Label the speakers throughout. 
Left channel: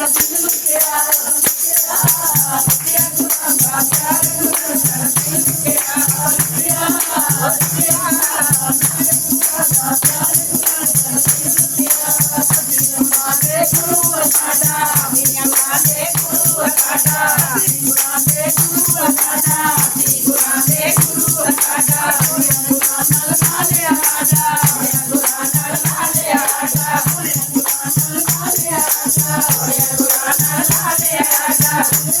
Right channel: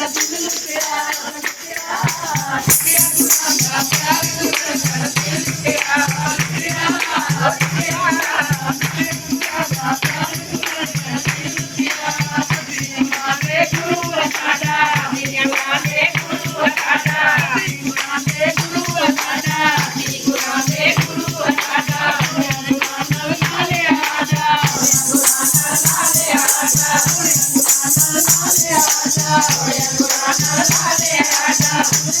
Speaker 1: Gracias, Yeah.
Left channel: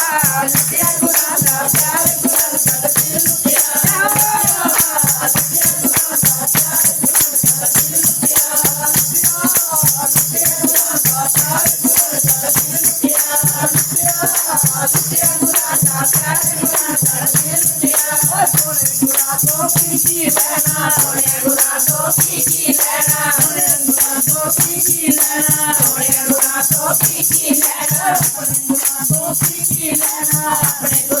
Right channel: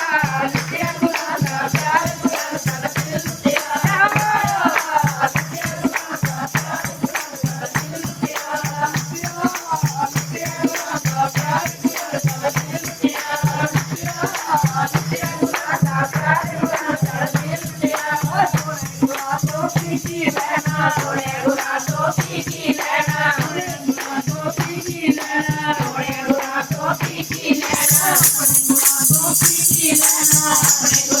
Speaker 1: Thank you.